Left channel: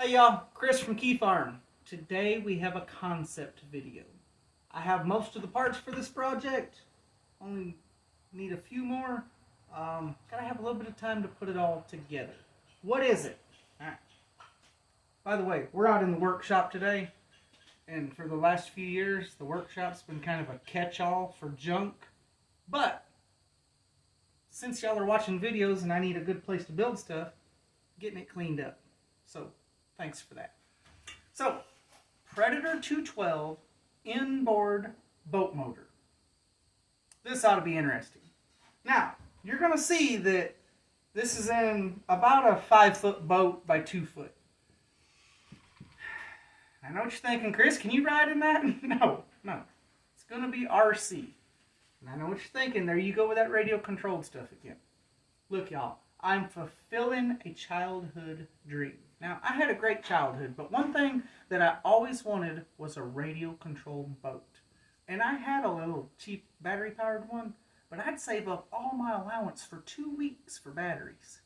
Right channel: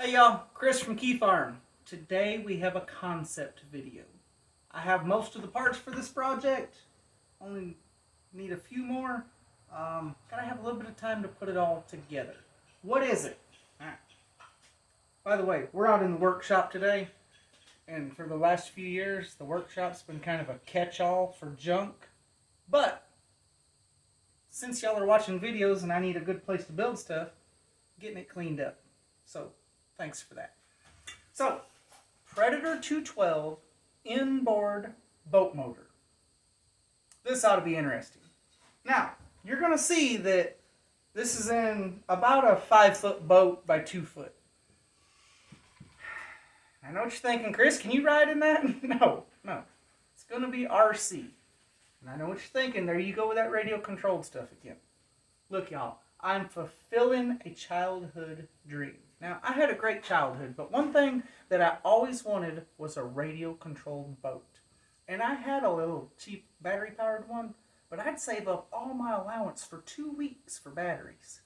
Hey y'all, Chris from Keyfarm. Today we have a concept video. I have most of the parts for this project, only need a few more. Gotta have a little bit of time to put it all together. What is it? Alright. By the way, we're out in the workshop today, and for the last few years the workshop's been kind of a catch-all for junk, but since y'all are watching videos and I need a good place to build stuff, getting it cleaned up. So thanks for that. So, Predator 212 inboard boat motor. This ought to be interesting. Now, you're going to see that this is in about a 5-foot boat by 2 foot. I know what you're thinking, Chris, can you ride in that? No. It's going to be RC. And I know what you're thinking. There you go with that radio-controlled stuff again. Look, y'all, I'm fulfilling a childhood dream. Now, I had a great childhood, but one thing that I always wanted was a radio-controlled boat. And I had a little cheap battery-powered one, but I'd save up all my allowance for 2 weeks for batteries.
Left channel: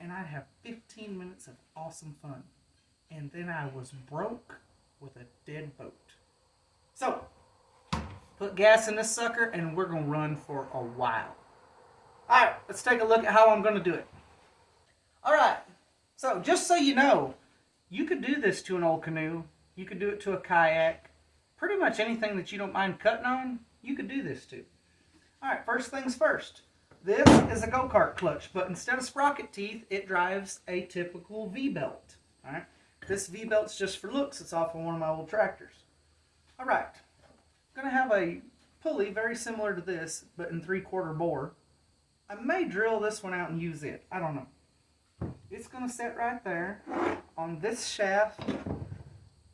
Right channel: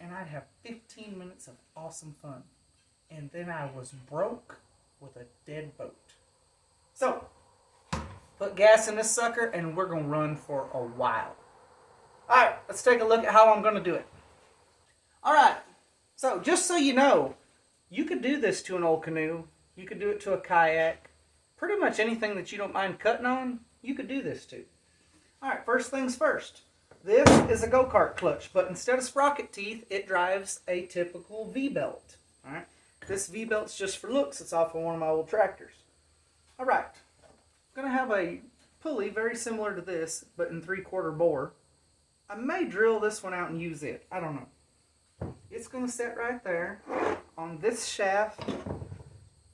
And I'd have 15 minutes of awesome fun. And then I was broke with a dead boat. So, put gas in this sucker, and we're going to run for a while. Alright, let's take a look at how I'm going to do it. Alright, so just so you know, you could do this to an old canoe. You could do it to a kayak. Pretty much anything that you don't mind cutting on, you could do this to. Alright, first things first. This is a Go-Kart Clutch, but instead of sprocket teeth, it drives a typical V-belt. Alright, this V-belt's just for looks. It's off of one of my old tractors. Alright, I'm going to have a pulley very similar to this, but in 3/4 bore. I may drill this one out and use it. I don't know. It's going to sit right there on this shaft.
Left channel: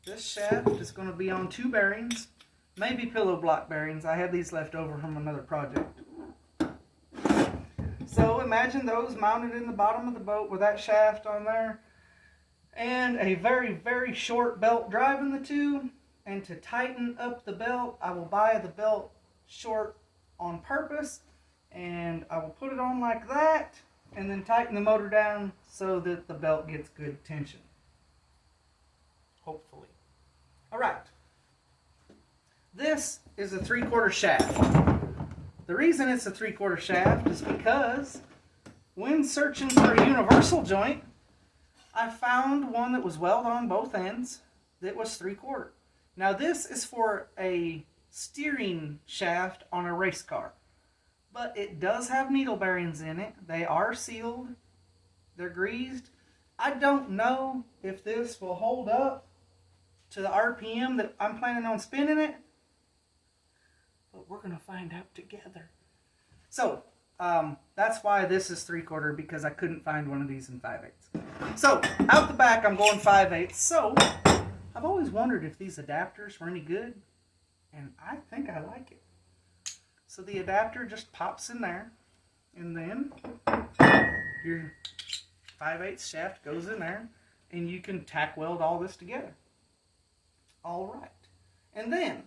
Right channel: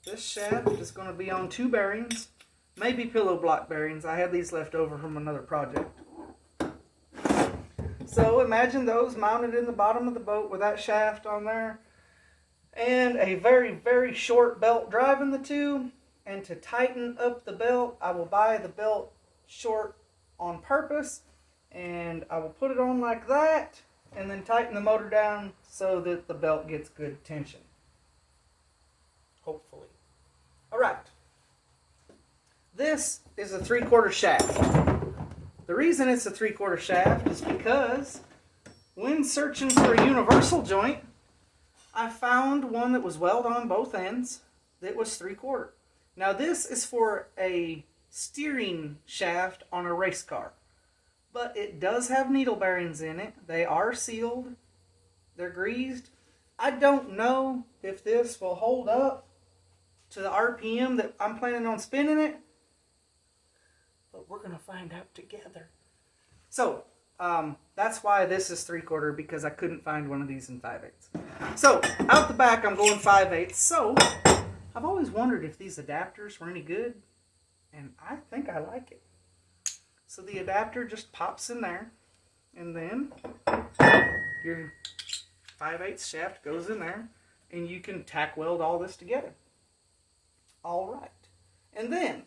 This shaft is going to be on 2 bearings, maybe pillow block bearings. I had these left over from another project. So imagine those mounted in the bottom of the boat with that shaft on there, and a very, very short belt driving the two. And to tighten up the belt, I will buy the belt short on purpose, and I will put it on like that, and then tighten the motor down so that the belt gets good tension. Hopefully. Alright. This is a 3/4 shaft. The reason it's a 3/4 shaft is because when searching for a universal joint, I found one that was welded on both ends that was 3/4. Now this is for a steering shaft on a race car. But it does have needle bearings in it. They are sealed. They're greased. I don't know if this will hold up to the RPM that I'm planning on spinning it. But we're going to find out together. So, that's why this is 3/4, because I couldn't find one of these in 5/8. So, out the back I'm going 5/8. So, I've always wondered if these adapters were any good. And I think I like it. So the adapter just pops in there, and then your 5/8 shaft goes in there, and you can tack weld all this together. Alright. And then,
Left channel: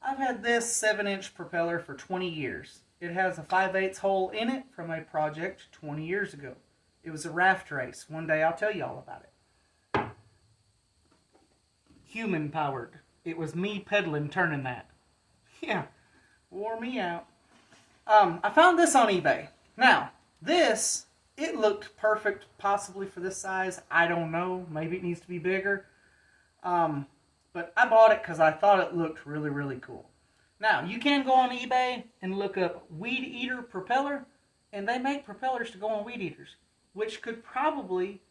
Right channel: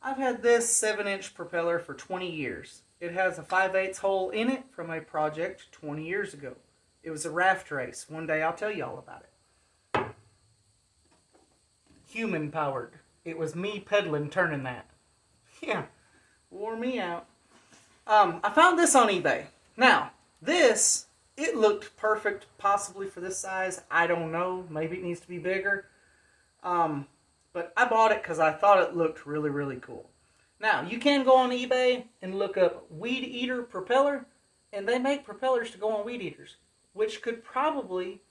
I've had this 7-inch propeller for 20 years. It has a 5/8 hole in it from a project 20 years ago. It was a raft race. One day I'll tell you all about it. Human powered. It was me pedaling, turning that. Yeah. Wore me out. I found this on eBay. Now, this, it looked perfect possibly for this size. I don't know. Maybe it needs to be bigger. But I bought it because I thought it looked really, really cool. Now, you can go on eBay and look up weed eater propeller, and they make propellers to go on weed eaters, which could probably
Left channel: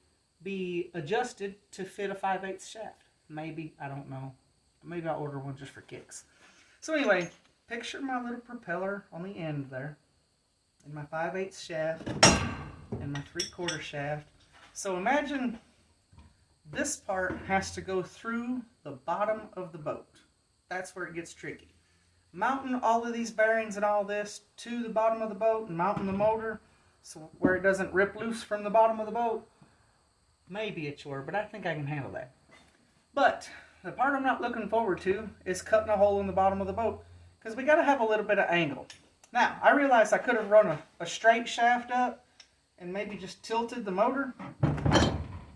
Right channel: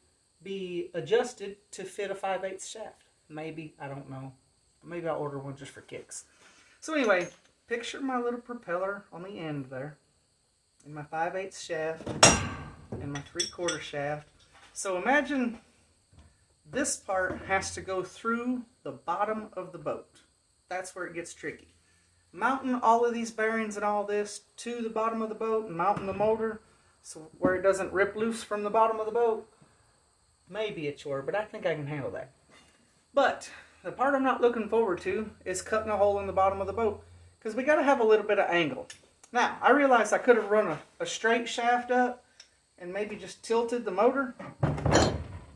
be adjusted to fit a 5/8 shaft. Maybe, I don't know. Maybe I'll order one just for kicks. So anyway, picture my little propeller on the end there, and my 5/8 shaft, and my 3/4 shaft. So imagine this part has to go through the bottom of the boat. That's where it gets tricky. Mounting all of these bearings and all this to the bottom of the boat, and mounting the motor so where it doesn't rip loose from the bottom of the boat, may be a chore, but I think I can handle that. But the part I'm not looking forward to is cutting a hole in the bottom of the boat, because we got to have a little bit of angle. Now, I realized I could have run a straight shaft up and maybe just tilted the motor,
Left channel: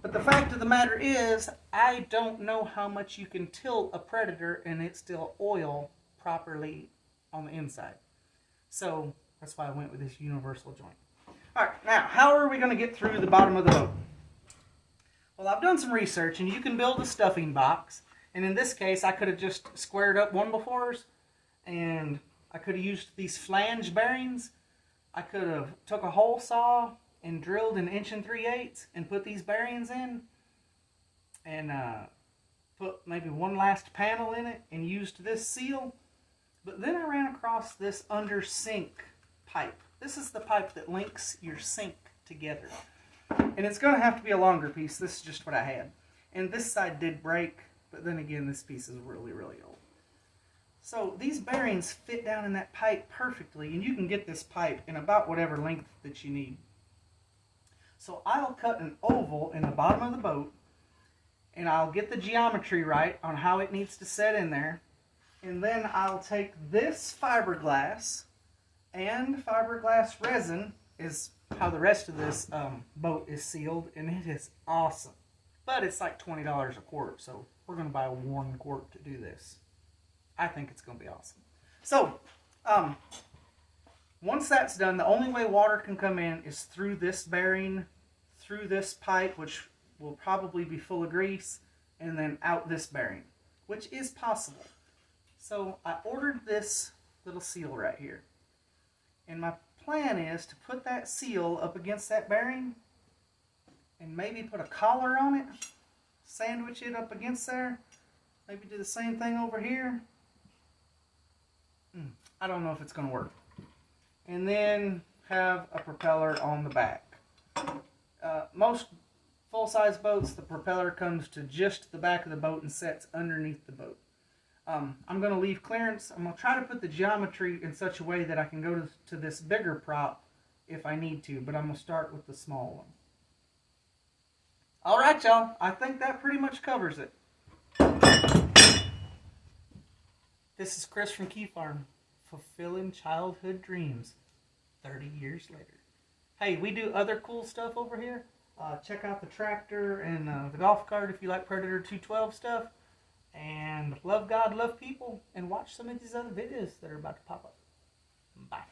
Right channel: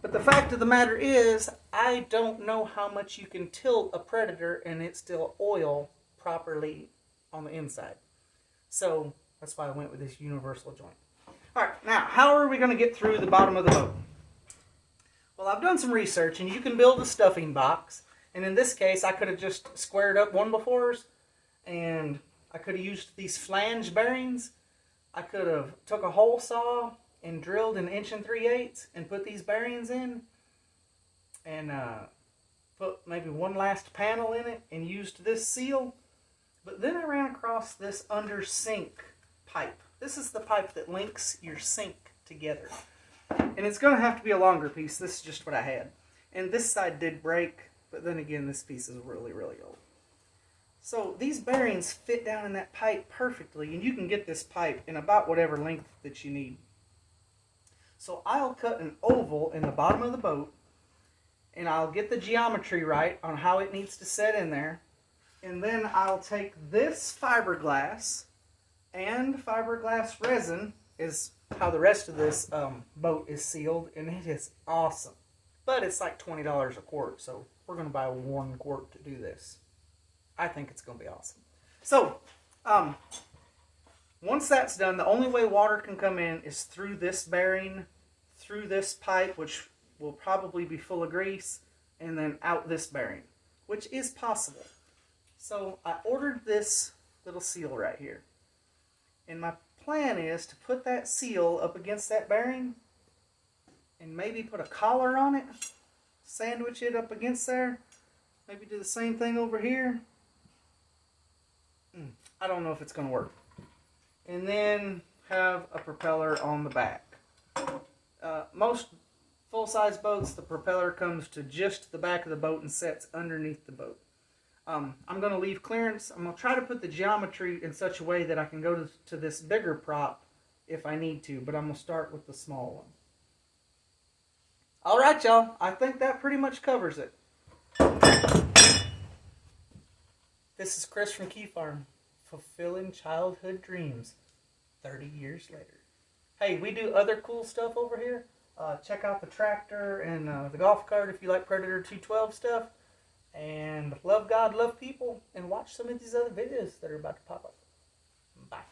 but But the fact of the matter is, I don't know how much you can tilt a Predator and it still oil properly on the inside. So that's why I went with this universal joint. Alright, now how are we going to get through the bottom of the boat? Well, I've done some research, and you can build a stuffing box. And in this case, I could have just squared up 1x4s, and I could have used these flange bearings. I could have took a hole saw and drilled 1 3/8 inches and put these bearings in, and put maybe one last panel in it and used this seal. But then I ran across this under sink pipe. This is the pipe that links your sink together. And it's going to have to be a longer piece. This is just what I had. And this side did break, but then again, this piece is really, really old. So these bearings fit down in that pipe perfectly, and you can get this pipe in about whatever length that you need. So I'll cut an oval in the bottom of the boat, and I'll get the geometry right on how it needs to set in there. And then I'll take this fiberglass, and fiberglass resin is how the rest of this boat is sealed, and it is awesome. But it's like $20 a quart, so we're going to buy 1 quart to do this. I think it's going to be awesome. So, once that's done, the only way water can come in is through this bearing, through this pipe, which will probably be full of grease, and then out this bearing, which is possible. So I ordered this little seal right here. And my plan is to put that seal up against that bearing and maybe put a collar on it, sandwich it up against there, maybe do the same thing over here. I don't know if it's going to work. And then have a propeller on the back. Most full-size boats, the propeller comes to just the back of the boat and sets underneath the boat. I'm going to leave clearance. I'm going to try to put the geometry in such a way that I can go to this bigger prop if I need to, but I'm going to start with the small one. Alright, y'all. I think that pretty much covers it. This is Chris from Keyfarm, fulfilling childhood dreams 30 years later. Hey, we do other cool stuff over here. Check out the tractor and the golf cart if you like Predator 212 stuff. And love God, love people, and watch some of these other videos that are about to pop up. Bye.